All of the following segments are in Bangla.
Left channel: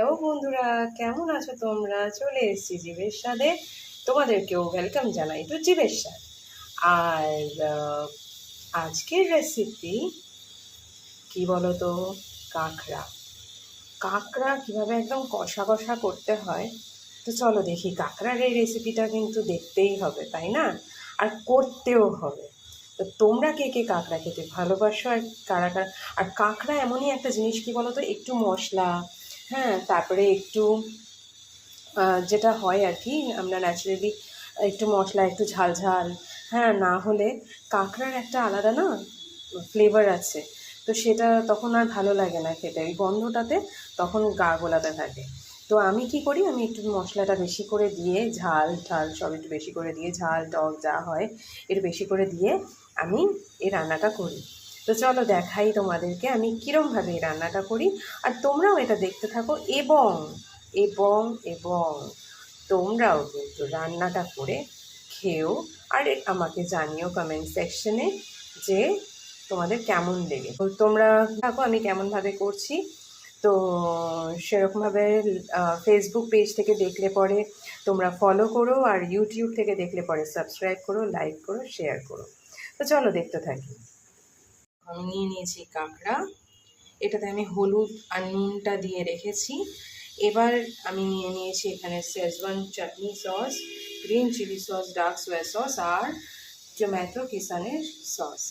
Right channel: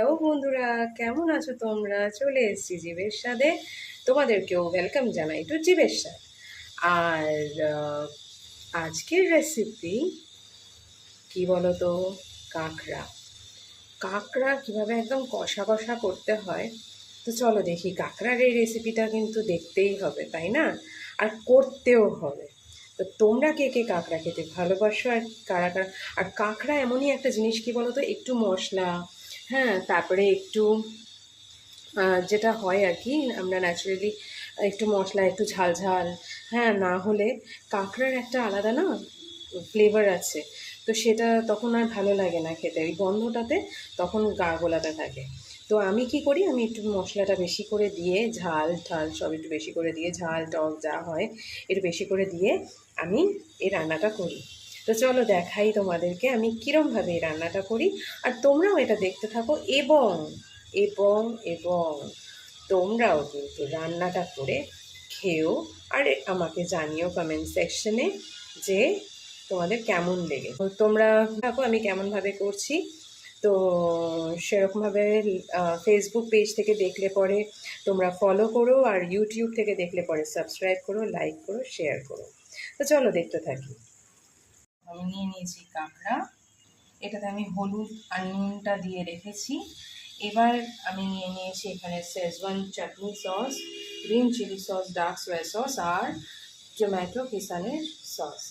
হ্যালো বন্ধুরা, কেমন আছো তোমরা? চলে এসেছি জীবের স্বাদে তোমাদেরকেও ওয়েলকাম জানাই টু জীবের স্বাদ আর আজকের রেসিপি কি বলো তো কাঁকড়া। কাঁকড়া কীভাবে একদম কষা কষা করতে হয়? তো চলো দেখি, কাঁকড়ার এই রেসিপিটা কিন্তু দেখতেই হবে, তাই না? আর করতেও হবে। তো তোমরা কে কে কাঁকড়া খেতে ভালোবাসো আর কারা কারা? আর কাঁকড়া এমনই একটা জিনিস কি বলো তো একটু মশলা হ্যাঁ তারপরে একটু যেটা হয় আর কি আমরা ন্যাচারালি একটু মশলা, একটু ঝাল ঝাল হ্যাঁ না হলে কাঁকড়ার একটা আলাদা না ফ্লেভার আছে, তো সেটা তখন আর ভালো লাগে না খেতে, ওই গন্ধটাতে তখন গা গোলাতে থাকে। তো আমি কি করি, আমি একটু মশলাটা বেশি করে দিয়ে, ঝাল ঝাল সব একটু বেশি করে দিয়ে, ঝাল, টক যা হয়, একটু বেশি করে দিয়ে আমি এই রান্নাটা করি। তো চলো দেখাই তোমাদেরকে আমি কীরমভাবে এই রান্নাটা করি। আর তোমরাও এটা দেখতে থাকো। এবং এবং এবং তোমরাও কিন্তু রান্নাটা করে খেও আর আমাকে জানিও কমেন্ট সেকশনে যে তোমাদের কেমন লেগে। তোমরা থাকো আমি কেমনভাবে করছি। তো সেরকমভাবে ফেসবুক পেজ থেকে দেখলে পরে তোমরা ফলো করো আর ইউটিউব থেকে দেখলে পরে সাবস্ক্রাইব করো লাইক করো শেয়ার করো। তো চলো দেখতে থাকি। আমি নিয়ে নিয়েছি কাঁকড়া। এটাতে আমি হলুদ আর নুনটা দিয়ে রেখেছি। এবার আমি নিয়ে নিয়েছি এখানে Schezwan chutney sauce green chilli sauce dark soya sauce আর টমেটো কিষানের সস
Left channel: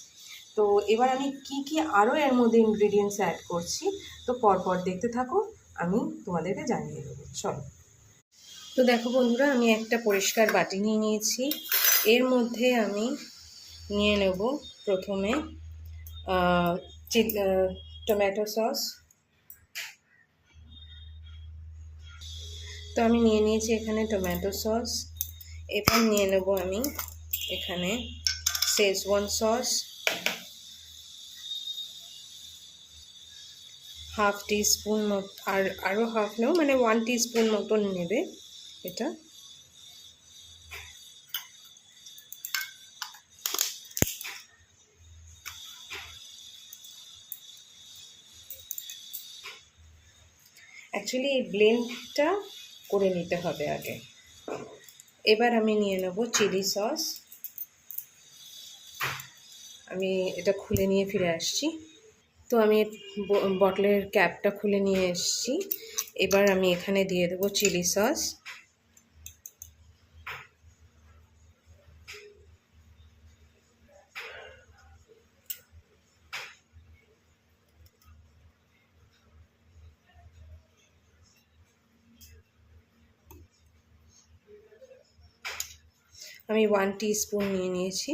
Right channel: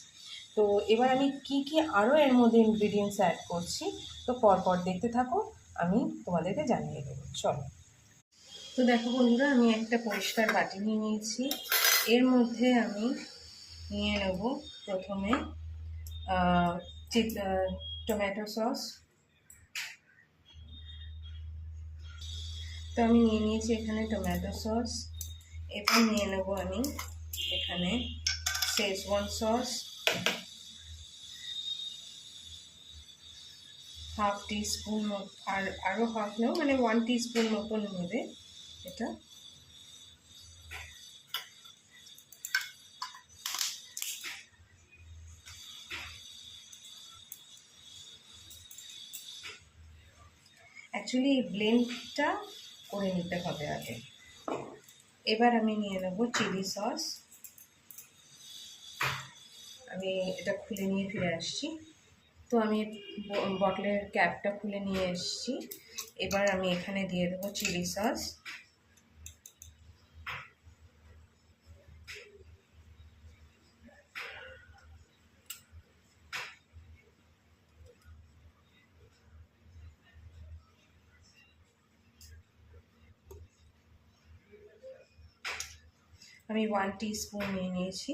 তো এবার আমি কি কি আরও এর মধ্যে ইনগ্রিডিয়েন্টস অ্যাড করছি, তো পরপর দেখতে থাকো, আমি তোমাদেরকে জানিয়ে দেবো। চলো। তো দেখো বন্ধুরা, আমি একটা পরিষ্কার বাটি নিয়ে নিয়েছি। এর মধ্যে আমি নিয়ে নেব প্রথমে টমেটো সস। তো আমি নিয়ে নিয়েছি এখানে টমেটো সস। এবার নিয়ে নেব আমি এখানে শেজওয়ান সস। হাফ টিস্পুন আর আরও হাফ নেও মানে ওয়ান টিস্পুন মতন নেবে এটা। অ্যাকচুয়ালি এই ব্লেন্ডটা করে নিতে হবে আগে। এবার আমি নিয়ে নেব চিলি সস। আমি এটা খুলে নিয়ে ফিরে আসছি। তো আমি বটলের ক্যাপটা খুলে নিয়ে এসছি। এবার আমি এখানে দিয়ে দেবো চিলি সস। আমি ওয়ান স্পুন নিয়ে নিয়েছি।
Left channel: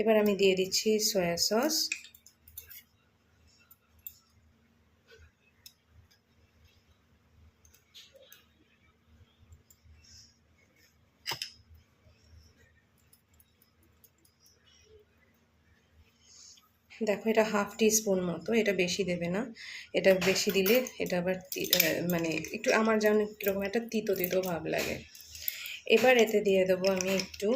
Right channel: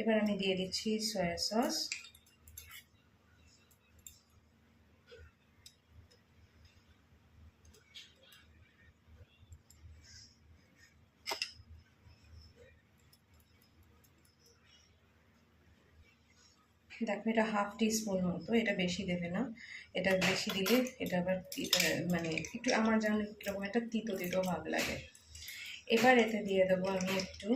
এবার আমি দিয়ে দিচ্ছি সয়া সস দেখো এটা হাফ টি স্পুন মতো, এটা বেশি দেবে না। এটা বেশি দিলে এটা আবার মানে একটু আমার যেন কীরকম একটা তিতো তিতো ভাব লাগে। এবার এতে দিয়ে দেবো আমি একটু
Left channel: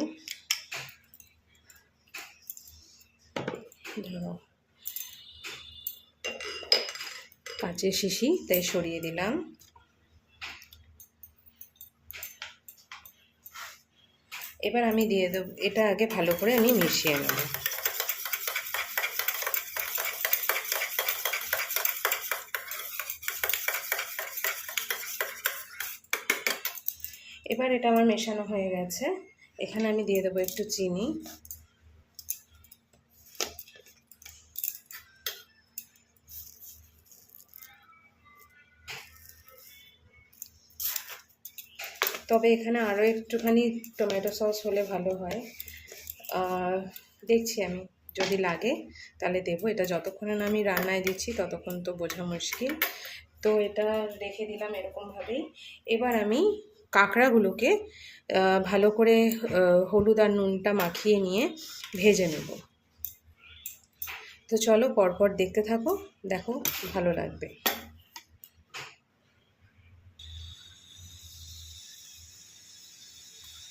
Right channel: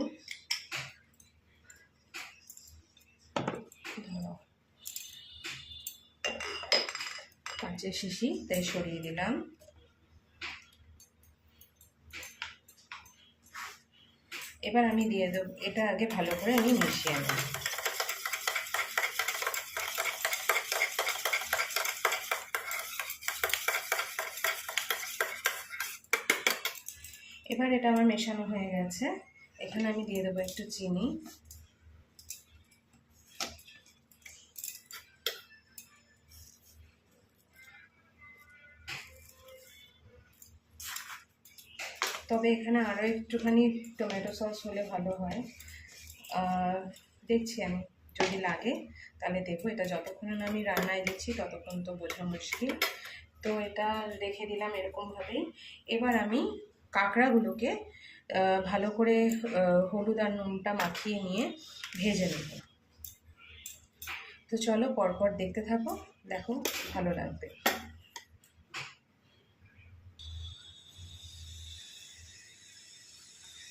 কাঁচের শিশি, তাই সরিয়ে দিলাম। এবার আমি দিয়ে দেবো, এটা আগে ভালো করে আমি মিশিয়ে নেব। এবার এটা আমার মেশানো হয়ে গেছে। এখানে আমি দিয়ে দেবো একটু চিনি। তবে এখানে আরও একটুখানি টমেটো সস হলে ভালো হয়। দেখছি আমি, যদি লাগে তাহলে দেবো। এটা যতক্ষণ না আমি রান্নায় দিচ্ছি ততক্ষণ তো বোঝা মুশকিল। তো এটা রেখে দিলাম এরকমভাবেই। এবার আমি কাঁকড়াগুলোকে ভালো করে হলুদ আর নুনটা মাখিয়ে নিয়ে ভেজে নেব। তো চলো পরপর দেখতে থাকো, দেখো ভালো লাগবে।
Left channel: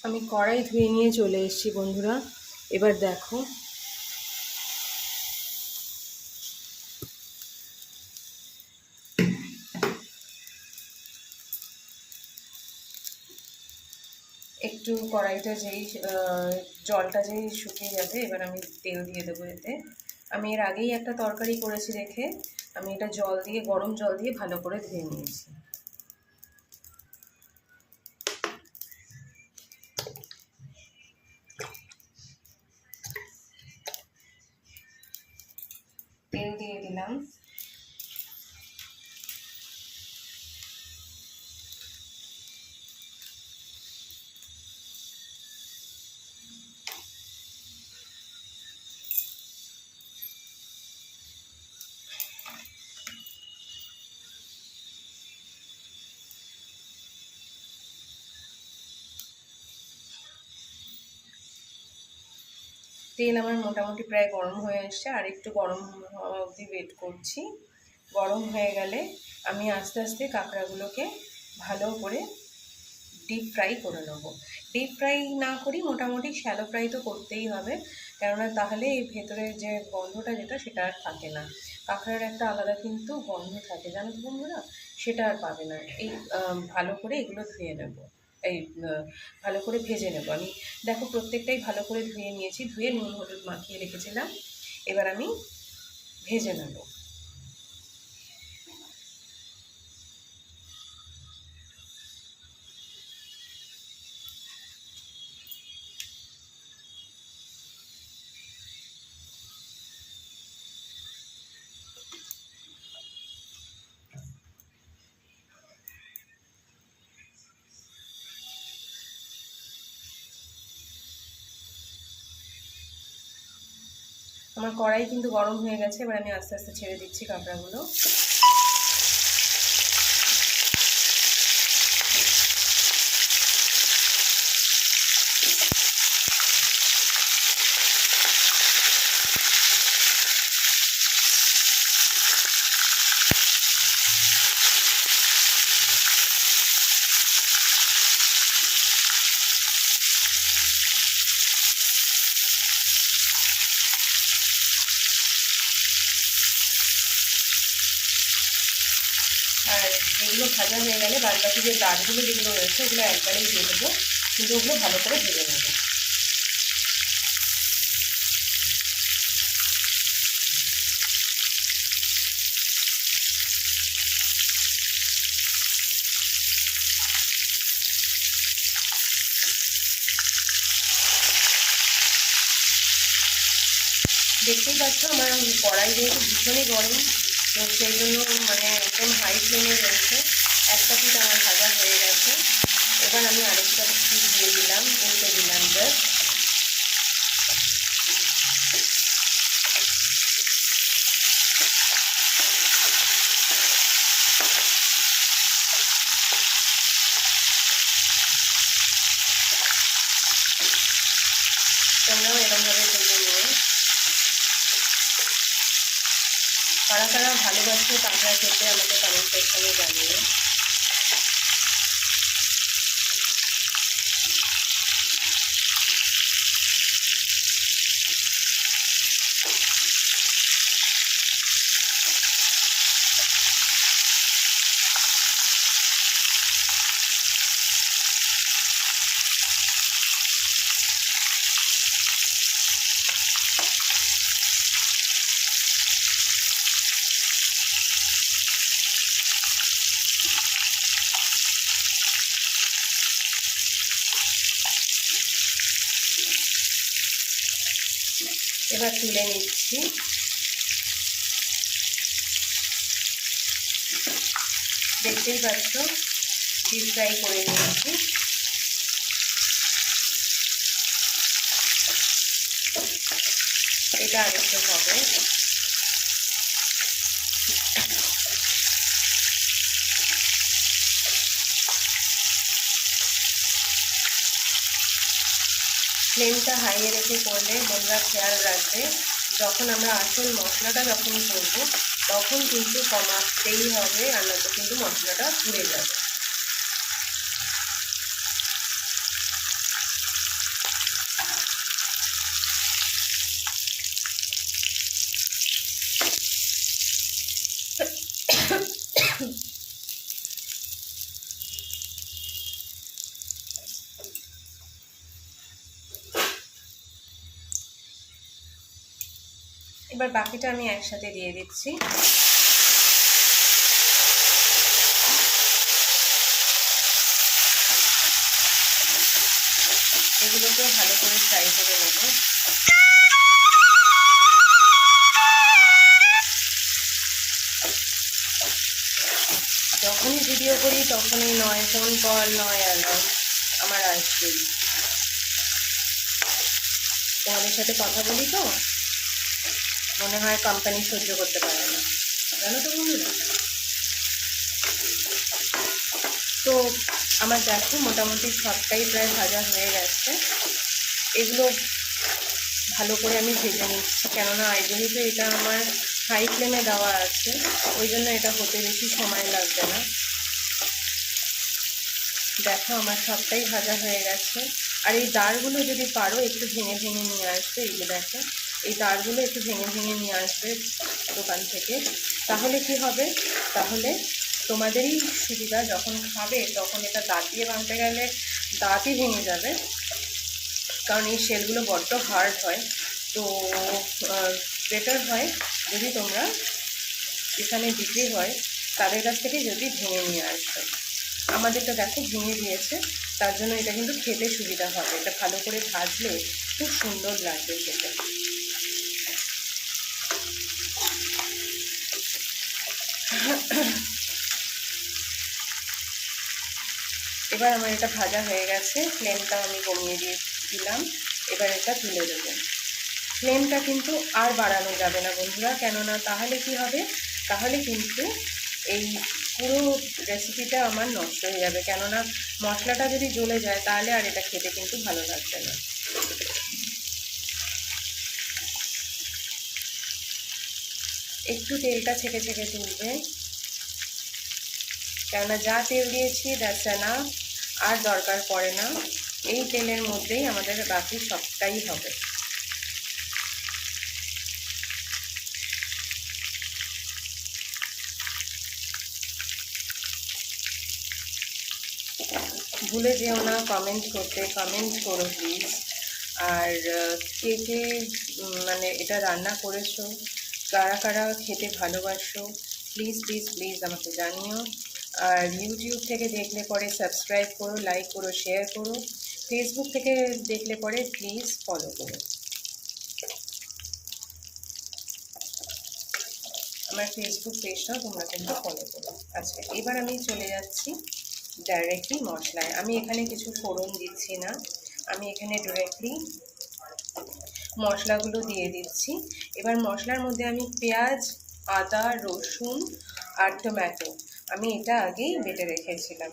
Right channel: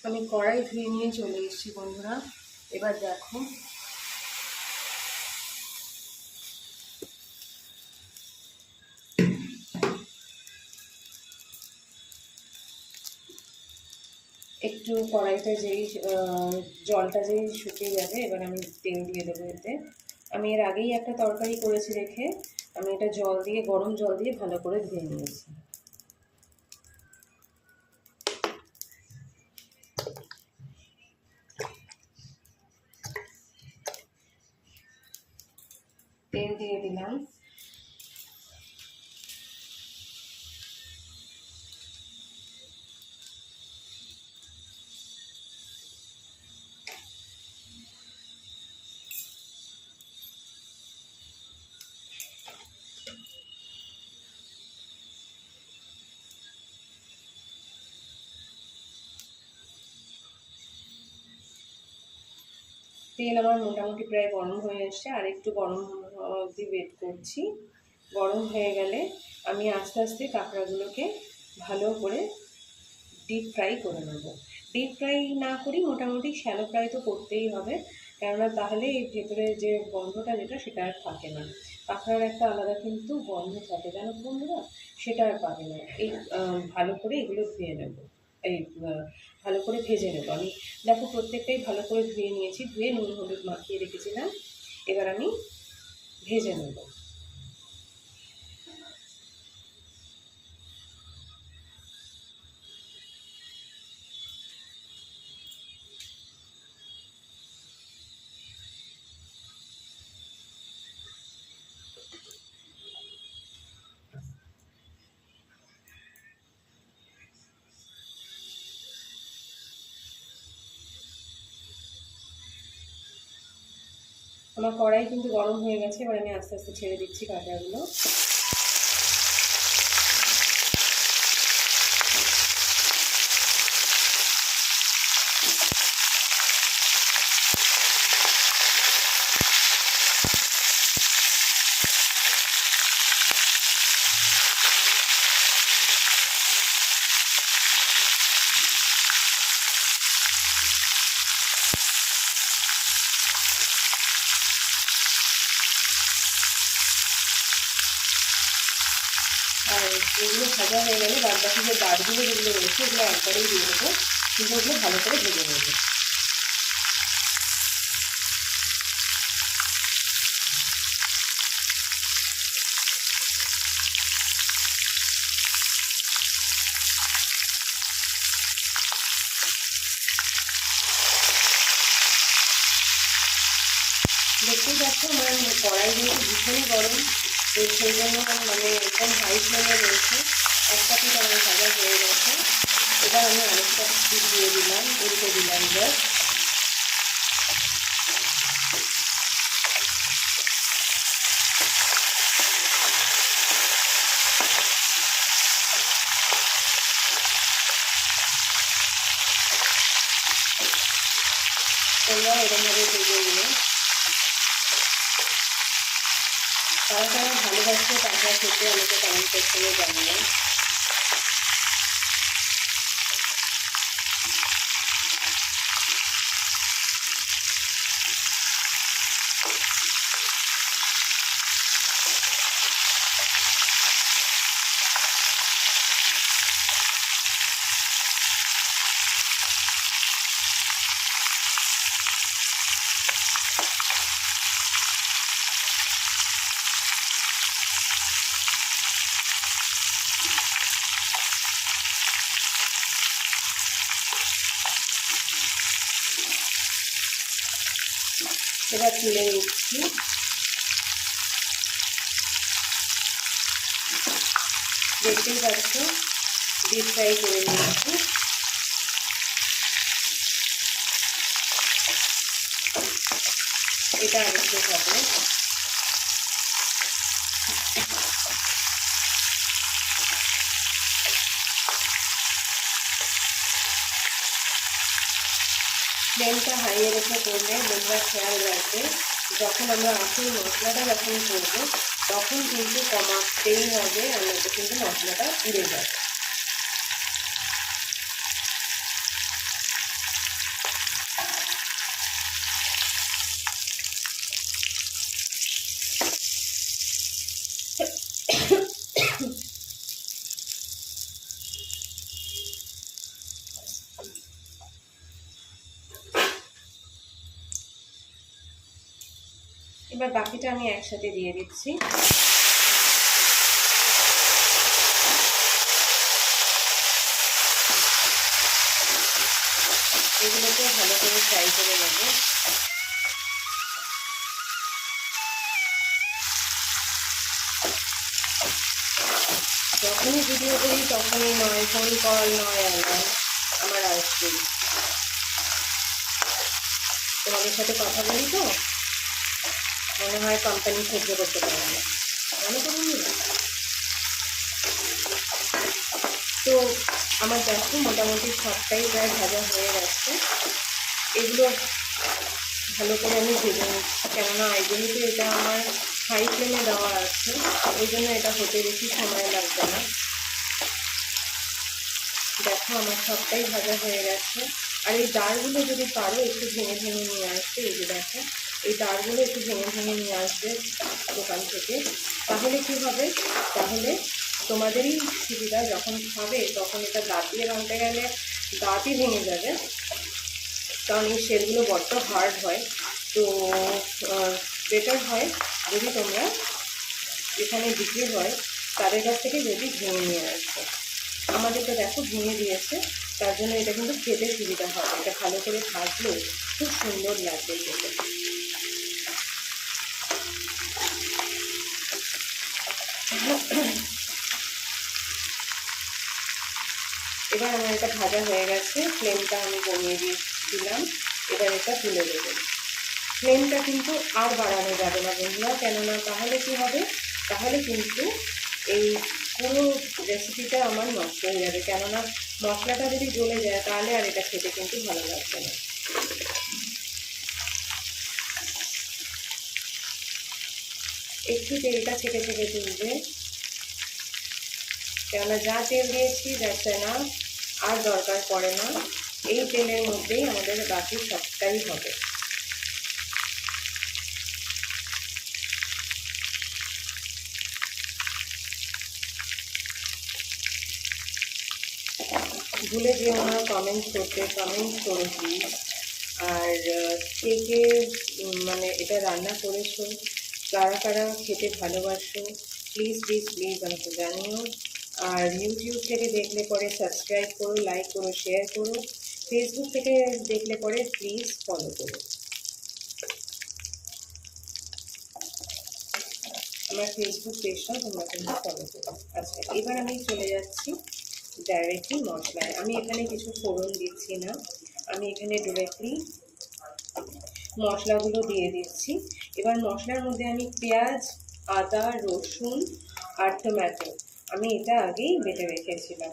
আমি কড়াই ধুয়ে নিয়ে চলে এসেছি বন্ধুরা। এবার দেখো একটু কড়াইটা যেই জলটা যেই শুকিয়ে যাবে, এবার আমি তেল দিয়ে দেবো এতে। আমি এর আগেই একটা তরকারি করেছি রেখে, আমি এটা জল দিয়ে, গরম জল দিয়ে ভালো করে ধুয়ে নিয়েছি। তেল আমার মোটামুটি প্রায় গরম হয়ে এসছে, আর একটু গরম হওয়া অবধি ওয়েট করছি। গরম হয়ে গেলে আমি আস্তে আস্তে কাঁকড়াগুলোকে ভালো করে ডিপ ফ্রাই করে নেব। ডিপ ফ্রাই না করি, মোটামুটি শ্যালো ফ্রাই তো করতেই হবে, কেননা তাহলে এই ভেতরে যে গন্ধটা যেটা, সেটা আর থাকে না। কাঁকড়ার একটা আলাদা কিন্তু গন্ধ থাকে, জানো বন্ধুরা? সেটা আর পাবে না। এই ভালো করে এগুলো ধুয়ে নেব। এই ভালো করে ভেজে নেব। আমি দেখো প্রত্যেকটাই ভালো করে ধুয়ে নিয়েছি, ধুয়ে নুন, হলুদ মাখিয়ে রেখেছিলাম। এবার আমি ভেজে নেব। আমার কড়াই কিন্তু গরম হয়ে গেছে এবার আমি আস্তে আস্তে ছেড়ে দিচ্ছি কাঁকড়াগুলো আর এগুলো ভাজা হয়ে গেলে বাদ বাকি যে দাঁতগুলো যেগুলো রয়েছে, এগুলো একবারেই দিয়ে দেবো। কিন্তু ওগুলো ভালো করে ভেজে নেব। দেখতেই পাচ্ছ আমার কড়াই যেহেতু ভীষণই গরম তো সেই জন্য মানে একদম হাই ফ্লেমে রয়েছে। পিঠ আমার ভাজা হয়ে গেছে। এবার আমি আরেকটা পিঠ দিয়ে দিলাম উল্টে দিলাম জাস্ট তোমরাও এরকমভাবে ভেজে নিও কারা কারা খেতে আমাকে কমেন্ট সেকশনে জানিয়ে এবার তুলে নিচ্ছি। দেখতেই পাচ্ছ ডিপ ফ্রাই করে নিচ্ছি এটা আরেকটু হবে হাইয়ে করলে তোমরা খেয়াল রাখবে, যখন আমরা আসল মশলাটা যখন করব, তখন কিন্তু কমাতেই হবে আর কিন্তু মশলাটা উড়ে যাবে। বাকিটা আমি একসাথে দিয়ে দিচ্ছি। এগুলোকে ভালো করে ফ্রাই করে নেব। যখনই ভিডিও করি, তখনই নয় ফোন কল নয় অ্যালার্ম আমার আসবেই তোমাদের সাথে কথা বলি তো? কোম্পানি সহ্য করতে পারে না। জানো তো তো আমার দেখো মোটামুটি সবটাই প্রায় ভাজা হয়ে গেছে। এগুলো ভালো করে আমি ভেজে নিচ্ছি। কেননা যেহেতু এটা আমার হাই ফ্লেমে দেওয়া আছে ওই জন্য এটা হতে বেশি সময় লাগবে না। দেখো, আমার সবটাই ভাজা হয়ে গেছে। আর এই দাঁড়গুলো যদি পারো, একটু ভেঙে ভেঙে নিয়ে আসবে এই যে দেখো। এই তারগুলো একটু ভেঙে ভেঙে নিয়ে আসবে দোকান থেকে। তাহলে কি হবে? তাহলে তোমাদেরই সুবিধা যখন খাবে তখন এটা দাঁত দিয়ে ভাঙতে গেলে দাঁতই ভেঙে যাবে। কারণ এই শেলগুলো বড্ড হার্ড হয়। তো বেটার হয় যদি তোমরা এখানে বিক্রি হয়, তাদের কাছ থেকে যদি ভেঙে নিয়ে আসবে। আমাদেরটা দেখো ভেঙে দিয়েছে, তার জন্য এটা কিন্তু খেতে সুবিধা হবে। এটা ভালো করে ভাজলে খুব সুন্দর লাগবে খেতে। এবার আমার এটা ভাজা হয়ে গেছে। ফ্লেমটা আমি কমিয়ে দিয়েছিলাম। এবার এটা তুলে দেবো। ফ্লেমটা কিন্তু আর বাড়ানো যাবে না বন্ধুরা। কেননা তাহলে কি হবে? তাহলে কিন্তু এই পুরো রেসিপিটা আমার নষ্ট হয়ে যাবে। কেননা মশলাটা যদি জ্বলে যায়, তাহলে আর এটা খেতে কিন্তু ভালো লাগবে না। একটু তেলটা ছেঁকে ছেঁকে তুলবে। কেননা যা তেল দিয়েছি যাচ্ছে না আর দরকার পড়ে না। এই তেলের মধ্যেই আমাদের বাকি সবটাই হবে। ভুলে যেও না কমেন্ট করতে কমেন্ট করো প্লিজ আর কে কে মানে এটা রান্না করেছ, কারা কারা খেতে ভালোবাসো প্লিজ প্লিজ প্লিজ আমাকে জানিও। আর ইউটিউব থেকে দেখলে পরে সাবস্ক্রাইব করো লাইক করো শেয়ার করো। ফেসবুক থেকে দেখলে পরে প্লিজ ফলো করো। আমার ফেসবুক পেজটাও তোমরা কিন্তু ফলো করো। আচ্ছা এবার আমি চলে যাচ্ছি ডাইরেক্টলি মশলায়। আমি এখানে কিছু ফোড়ন দিচ্ছি না। আমি এখানে ডিরেক্টলি মশলাগুলো দিয়ে দিচ্ছি। এবার মশলার মধ্যে আমি পেঁয়াজ, আদা, রসুন আর টমেটো আমি এটা আগেই বেটে রেখেছিলাম।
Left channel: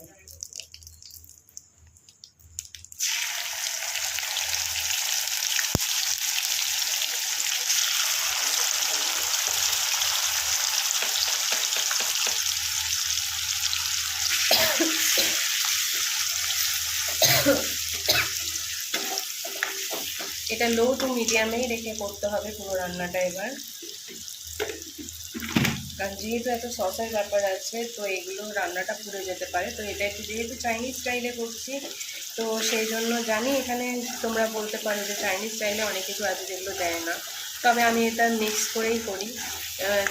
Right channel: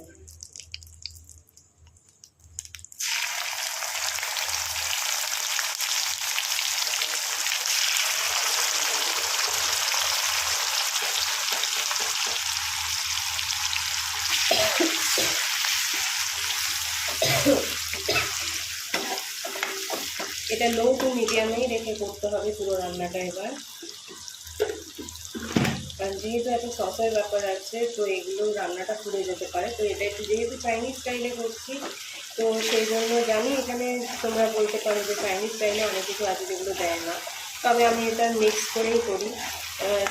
এটা লো টু মিডিয়ামেই রেখে করতে হবে পুরো রান্নাটা এবার। কারণ যেহেতু এত সসের ব্যাপার আছে, তো এগুলো রান্নাটা পুড়ে যেতে পারে। তো এটা একটু যেহেতু চাইনিজ স্টাইলে করছি, তো সেই জন্য জানি এখানে তোমরা বলতে পারো যে চাইনিজ স্টাইলে অনেক কিছু আছে যেগুলো দেয় না। তবে আমি এটা মিক্স করেই করি।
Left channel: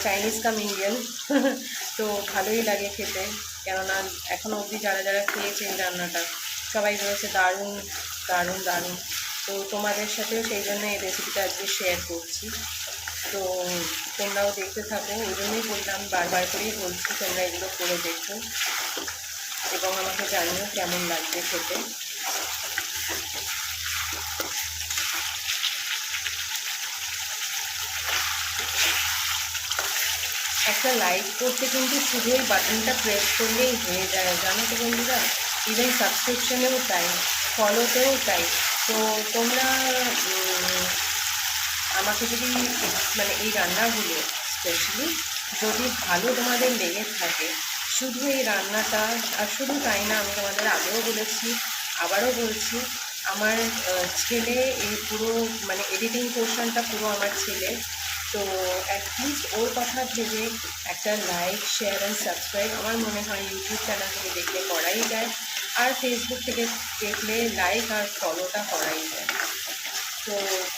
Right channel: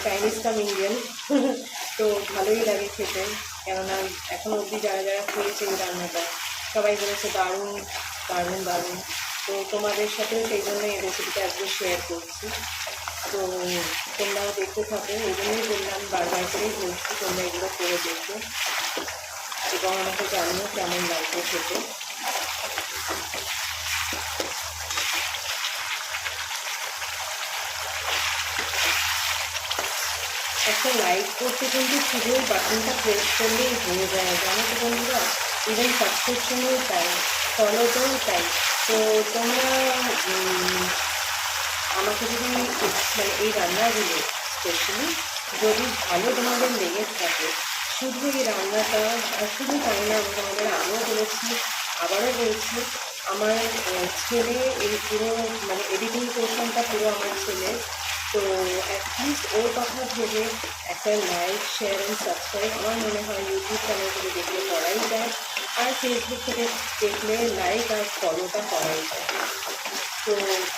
চাইনিজ কাম ইন্ডিয়ান তো ভালোই লাগে খেতে। কেননা এখন অবধি যারা যারা খেয়েছে এই রান্নাটা, সবাই বলেছে দারুণ দারুণ দারুণ। তো তোমাদের সাথেও সেই জন্য এই রেসিপিটা আজকে শেয়ার করছি। তো তোমরাও দেখতে থাকো ওই জন্যই বললাম বারবার করেই বলছি, তোমরা এগুলো করে দেখো। এবং আমাকে জানিও কেমন লাগবে খেতে। একটা লাইক করতে কিন্তু শুধু বাটনটা প্রেস করলেই হয়ে যায় জানো তো বন্ধুরা ইভেন সাবস্ক্রিপশনেও চাই ফলোতেও চাই তো তোমরা আমাকে যদি মানে এই রান্নাগুলো স্পেশালি যদি ভালো তোমাদের লেগে থাকে, শুধু এই রান্নাটা, আর শুধু তাই না আমি তোমাদের আগেও বলেছি, আবারও বলছি, আমার ছেলে এই পুরো মানে এডিটিং পোর্শনটা পুরো আমার ছেলে। তো অ্যাটলিস্ট ওর কথা ভেবে একটা লাইক শেয়ার অ্যান্ড সাবস্ক্রাইব আমার মনে হয় ইউটিউব চ্যানেল থেকে দেখলে করাই যায়। আর ফেসবুক থেকে দেখলে লাইক আর ফলোটা করাই যায়। তো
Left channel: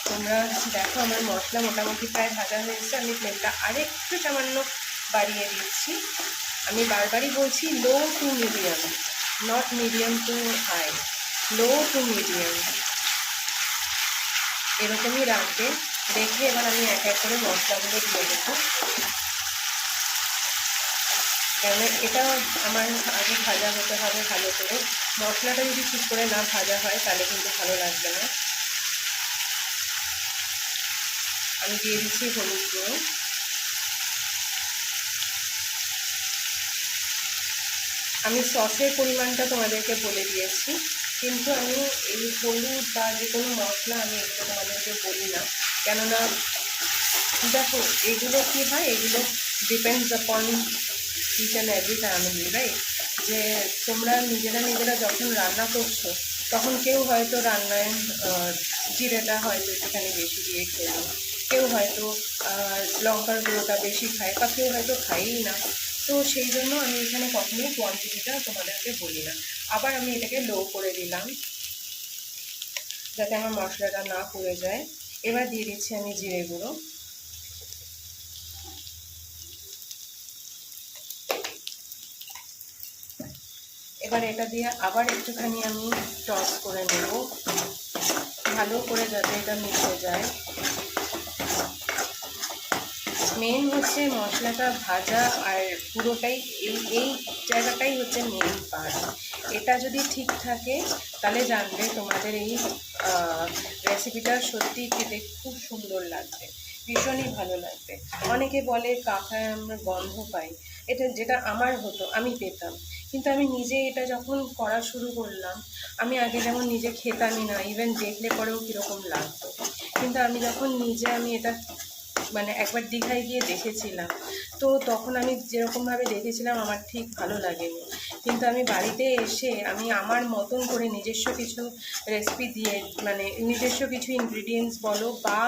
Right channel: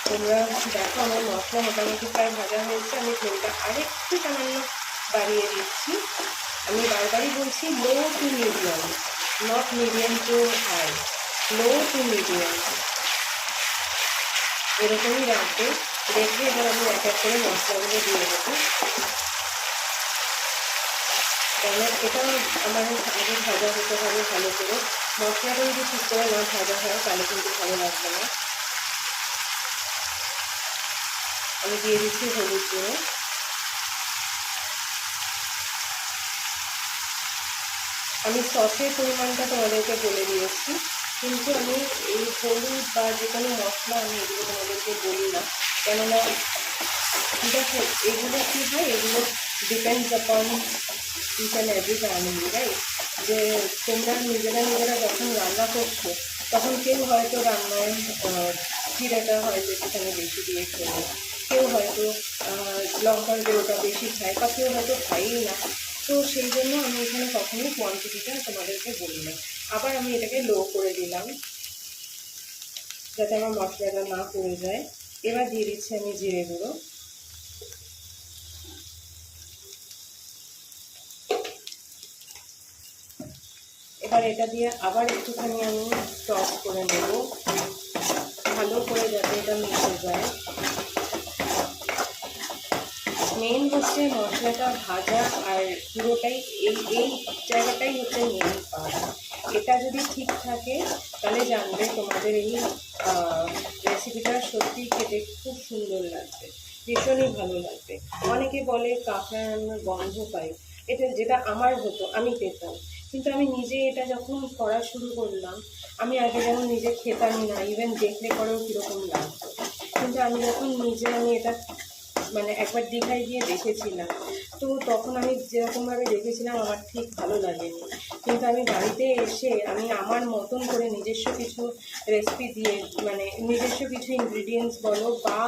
তোমরা দেখো আমার মশলা মোটামুটি প্রায় ভাজা হয়েছে। আমি ফ্লেমটা আরেকটু সামান্য বাড়িয়ে দিচ্ছি। আমি বারবারই বলছি, low to medium not medium to high low to medium. এরকমই রাখবে, রেখে এবার আমি এক এক করে মশলাগুলো দিয়ে দেবো। এটা আমার যদি ভাজা হতে হবে ভালো করে। মশলাটা যদি ঠিক করে না ভাজা হয়, তাহলে কিন্তু ভালো লাগবে না। আমি দিয়ে দিচ্ছি হলুদ গুঁড়ো। আমি সসের পরিমাণটা তোমাদেরকে বলে দিয়েছি, কিন্তু আমি এই হলুদ বা যে কোনো মশলা আমি এগুলো তোমাদেরকে বলি না। কেননা দেখো, এগুলো কী হয়, এগুলো depends upon each and every family right যে তোমরা নিজেরা নিজেরা যখন রান্না করছ, তখন কেউ হয়তো রান্নায় জিরাটা হয়তো একটুখানি বেশি দিয়ে খেলো। কেউ হয়তো লঙ্কার গুঁড়োটা বেশি খায় বা কেউ হয়তো খায়ই না। তো সেই জন্য আমি এখানে কখনোই কোয়ান্টিটিটা তোমাদেরকে বলি না। আবার আমি এটাকে লো করে দিলাম, যাতে আমার মশলাটা না পড়ে যায়। এবার দিয়ে দিচ্ছি আমি জিরে গুঁড়ো। এবার এটা দিয়ে আবার একটুখানি আমি টপ করে নেব। ভালো করে যাতে এটা মিশে যায়। মেন হচ্ছে মশলাটা ভাজা আর পুরোটাই এই এই জায়গাটাই হচ্ছে মেন পার্ট এটা যদি ঠিক থাকে, তাহলে জানবে তোমাদের এই রেসিপিটা সত্যি খেতে খুব সুন্দর লাগবে, ভীষণই ভালো লাগবে। অনেকে বলে কাঁচায় আমরা গন্ধ পাই এটা যেটা আমার হতো, আমি পেতাম। কিন্তু আমি নিজে এটা যখন করা শুরু করলাম, আমি আগে যেমন নিজে খেতামই না ইভেন দেখলে পরেও কীরকম লাগতো। কিন্তু আমি যখন নিজে আমি এটা মানে একবার দীঘায় গিয়ে দেখেছিলাম। তো তখন আমি যেরকমভাবে দেখেছিলাম, আমার ঠিক ভালো লাগেনি। কিন্তু আমি বাড়িতে এসে আমি আমার মতন করে নিজস্ব কিছু রেসিপি দিয়ে মানে নিজস্ব কিছু ইনগ্রিডিয়েন্টস বলো বা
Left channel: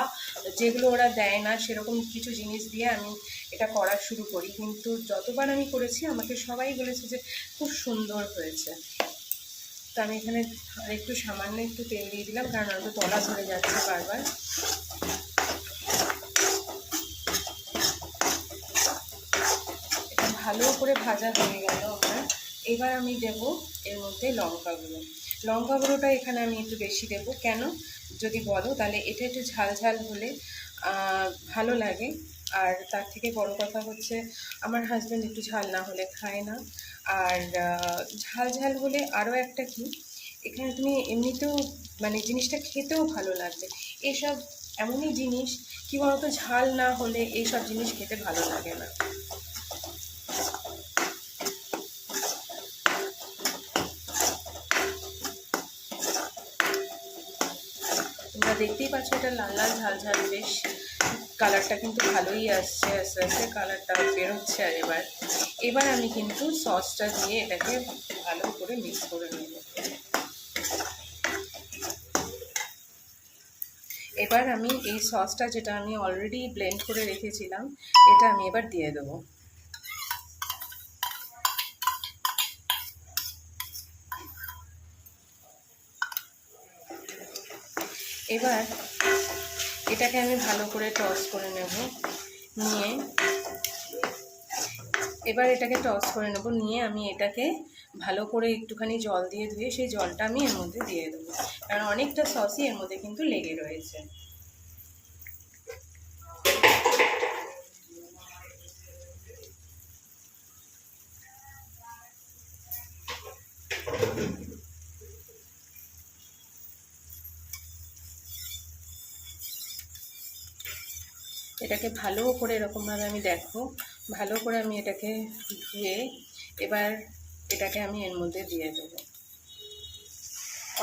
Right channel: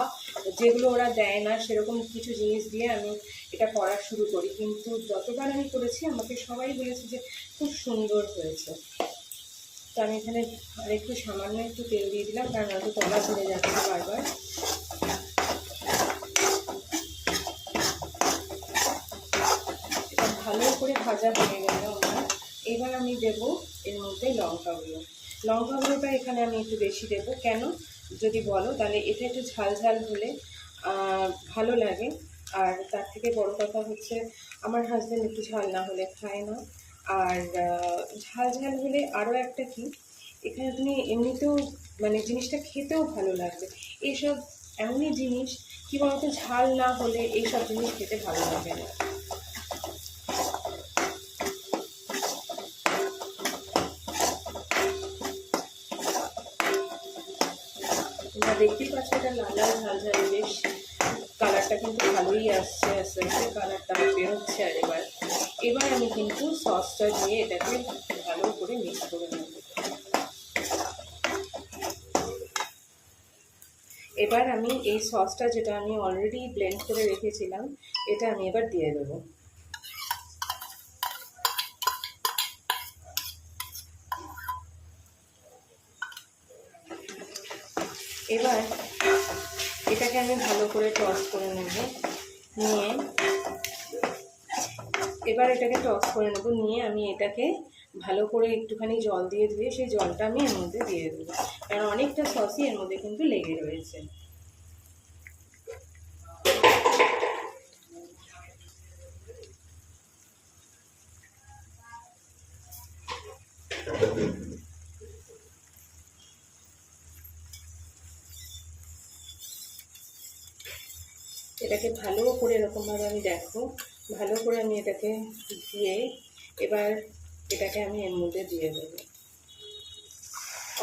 যেগুলো ওরা দেয় না, সেরকম কিছু জিনিস দিয়ে আমি এটা করা শুরু করি। কিন্তু যতবার আমি করেছি, আমাকে সবাই বলেছে যে খুব সুন্দর হয়েছে। তো আমি এখানে একটু সামান্য একটু তেল দিয়ে দিলাম, কারণ হয়তো তলা ধরে যাচ্ছে বারবার ভালো করে ভাজা হয়ে গেল আমার। এবার আমি দেব এর মধ্যে লঙ্কা গুঁড়ো লঙ্কা গুঁড়োটা এখানে আমি একটু বেশি দেব। কেন? যদি বলো, তাহলে এটা একটু ঝাল ঝাল হলে ভালো লাগে। আর তার থেকে বড় কথা হচ্ছে, আমার হাজব্যান্ড একটু ঝাল না হলে খায় না। আর ঝাল ঝাল হলে আরও একটা কি, এখানে তুমি এমনিতেও মানে জিনিসটা খেতেও ভালো লাগবে। এসব এমনই জিনিস, কি বলতো, ঝাল না হলে এইসব জিনিস খেতে ভালো লাগে না। এটা লাল লাল ঝাল ঝাল বেশ। কালারটা কিন্তু ভালোই আসছে, আস্তে আস্তে কালারটা বেরোচ্ছে আর এবার। এবার আমি কিন্তু সসটা দিয়ে এটাকে ভালো করে মিক্স করে নেব। এবার আমি এই সসটা যেটা আমি অলরেডি ব্লেন্ড করে রেখেছিলাম, এটা আমি এবার দিয়ে দেবো। এবার এটাকে আমি ভালো করে টস করে নেব, নিয়ে। এবার এটাকে টস করে নেব, নিয়ে আমি এটাকে ভালো করে একটুখানি জল দিয়ে ধুয়ে সেই জলটা আমি এর মধ্যে দিয়ে দেবো। কারণ অনেকটা সসই এর মধ্যে কিন্তু লেগে রয়েছে এটাকে ভালো করে এরকমভাবে আমি দেখো। ভালো করে আমি এটাকে ধুয়ে এবার এটাকে আমি এর মধ্যে দিয়ে দেব।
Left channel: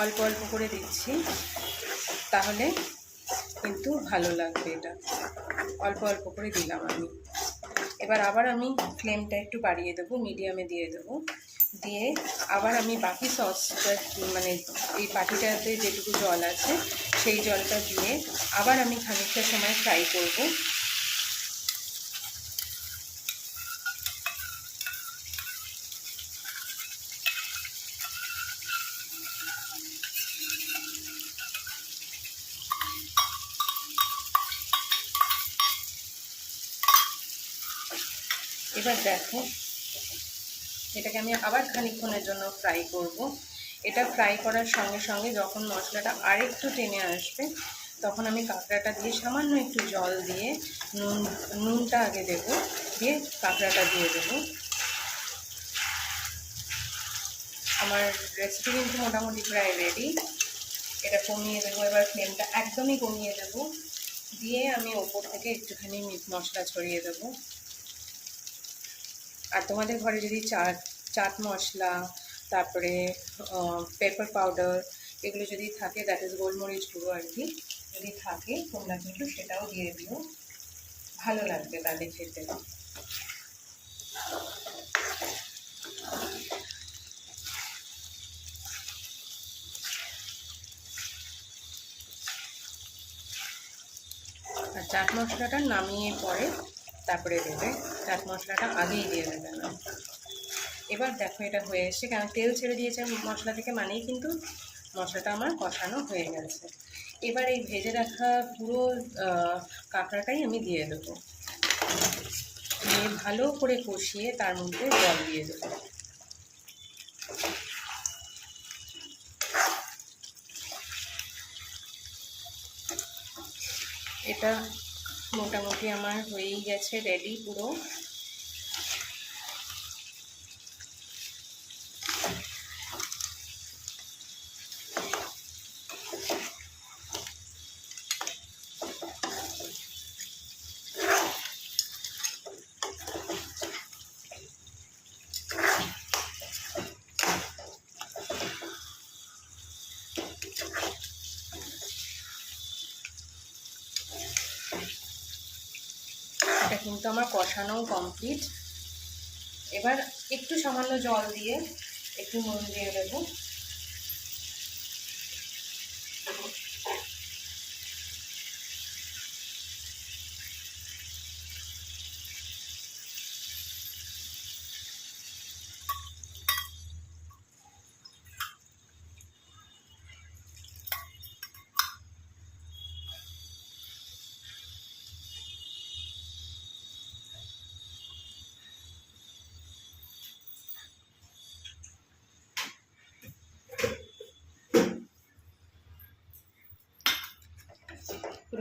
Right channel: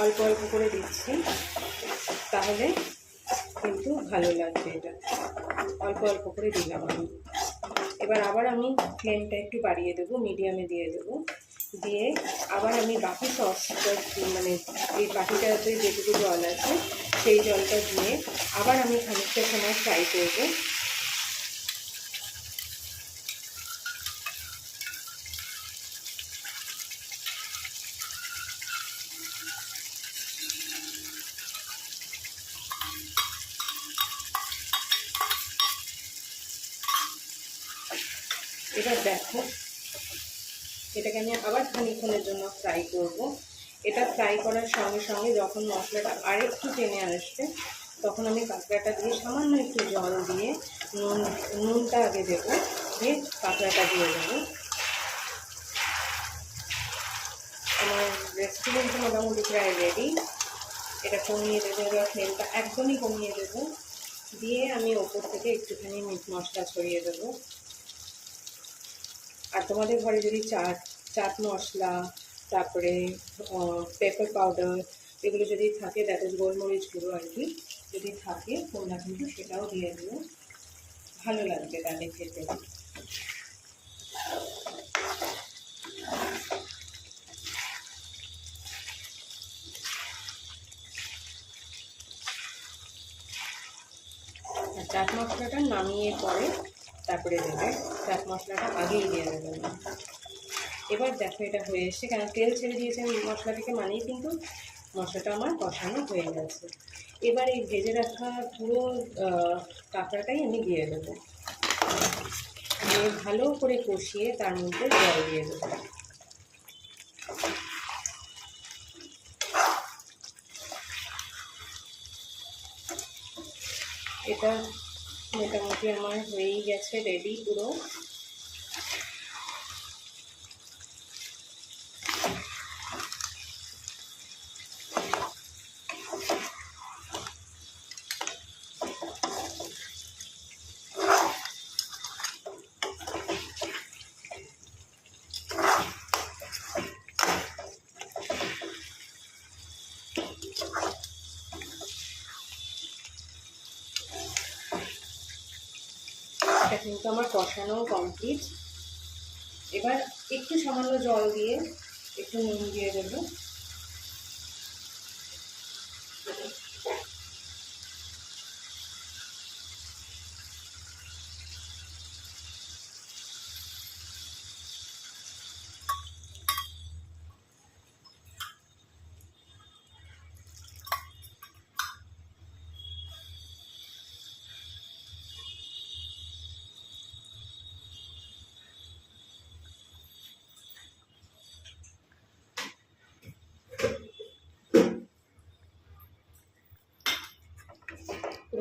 অল্প অল্প করে দিচ্ছি, তাহলে কিন্তু ভালো লাগবে এটা। অল্প অল্প করে দিলাম আমি। এবার আবার আমি ফ্লেমটা একটু বাড়িয়ে দেবো, মিডিয়ামে দিয়ে দেবো। দিয়ে আবার আমি বাকি সসটা মানে এই বাটিটাতে যেটুকু জল আছে, সেই জলটা দিয়ে আবার আমি খানিকটা সময় ফ্রাই করব এবার দেখো এটাকে আমি আবার খানিকক্ষণের জন্য ফ্রাই করব এটা ফ্রাই করার সঙ্গে সঙ্গে যখন মশলাটা আরেকটু টেনে আসবে, তখন আমি কাঁকড়াটা দিয়ে সামান্য একটু জল দিয়ে নুন, নুনটা আগে দেবো, দিয়ে কাঁকড়াটা দিয়ে দেবো। আমার রেসিপি কিন্তু মোটামুটি প্রায় রেডি এটা কমিয়ে দেবো, এবার ফ্লেমটা একদমই কমিয়ে দেবো। দিয়ে আমি ওপর থেকে একটুখানি মিট মশলা ছড়িয়ে দেবো। আর তোমাদের ঘরে যদি চাট চাট মশলা তারপরে পেপার পাউডার এগুলো যদি থাকে দ্যাট ইজ গোলমরিচ গুঁড়ো আর কি, যদি থাকে, তোমরা কিন্তু সেটাও দিয়ে দিও। ভালো লাগবে তাদের খেতে। চাট মশলাটা নামিয়ে পরে তারপরে দেবে। চাট মশলাটা আগেই দিয়ে দেবে। না এবার দেখো এটা হয়ে এসছে। কেন? তেল ছেড়ে দিয়েছে মশলা থেকে মানেই কিন্তু মশলাটা আমার কষানো হয়ে গেছে। এবার এই ভেজে রাখা পুরো কাঁকড়াটাই আমি দিয়ে দেবো। দিয়ে ভালো করে কষিয়ে তার মধ্যে জল দিয়ে দেবো। এটা মোটামুটি আমার হয়েই গেছে রেডি পুরো এটা কিন্তু আমার কষানো কমপ্লিট এবার একটু সামান্য জল দিয়ে একটু নুন দিয়ে দেবো।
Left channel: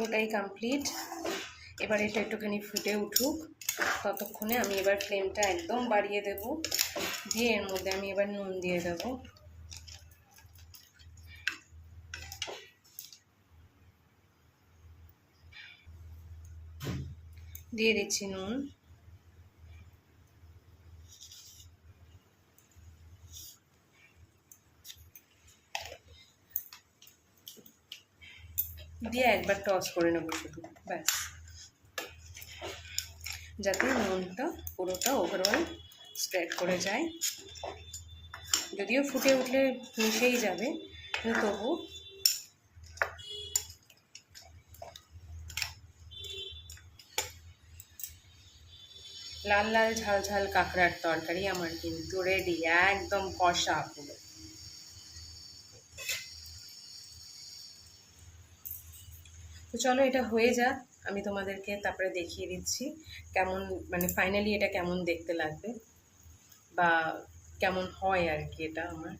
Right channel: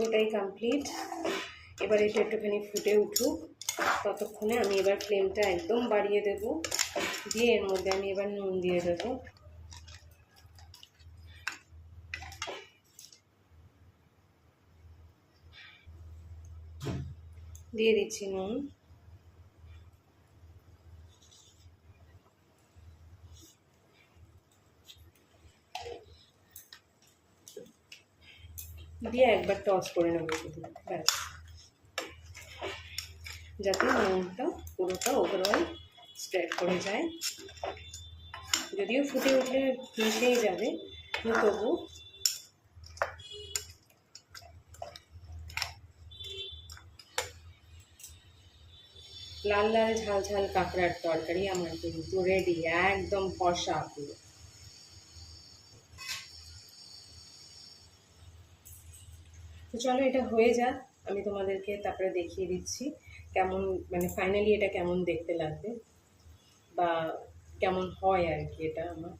পুরোটাই কমপ্লিট এবার এটা একটুখানি ফুটে উঠুক। ততক্ষণে আমি এবার ফ্লেমটা একদম বাড়িয়ে দেব। দিয়ে এর মধ্যে আমি এবার নুন দিয়ে দেবো। দিয়ে দিচ্ছি নুন। দিয়ে একবার টস করে নেব শুধু, ব্যাস। যাতে নুনটা পুরোটা ওভারঅল স্প্রেড করে যায়। যদিও ফুটে উঠলে মিশেই যাবে তবু লাল লাল ঝাল ঝাল কাঁকড়ার তরকারি আমার কিন্তু রেডি একদম কষা পুরো। তো চলো এটা হয়ে যাক, আমি তোমাদেরকে তারপরে দেখিয়ে দিচ্ছি কেমন মানে ফাইনালি এটা কেমন দেখতে লাগবে বা কেমন হয় আর কি এটা আমার।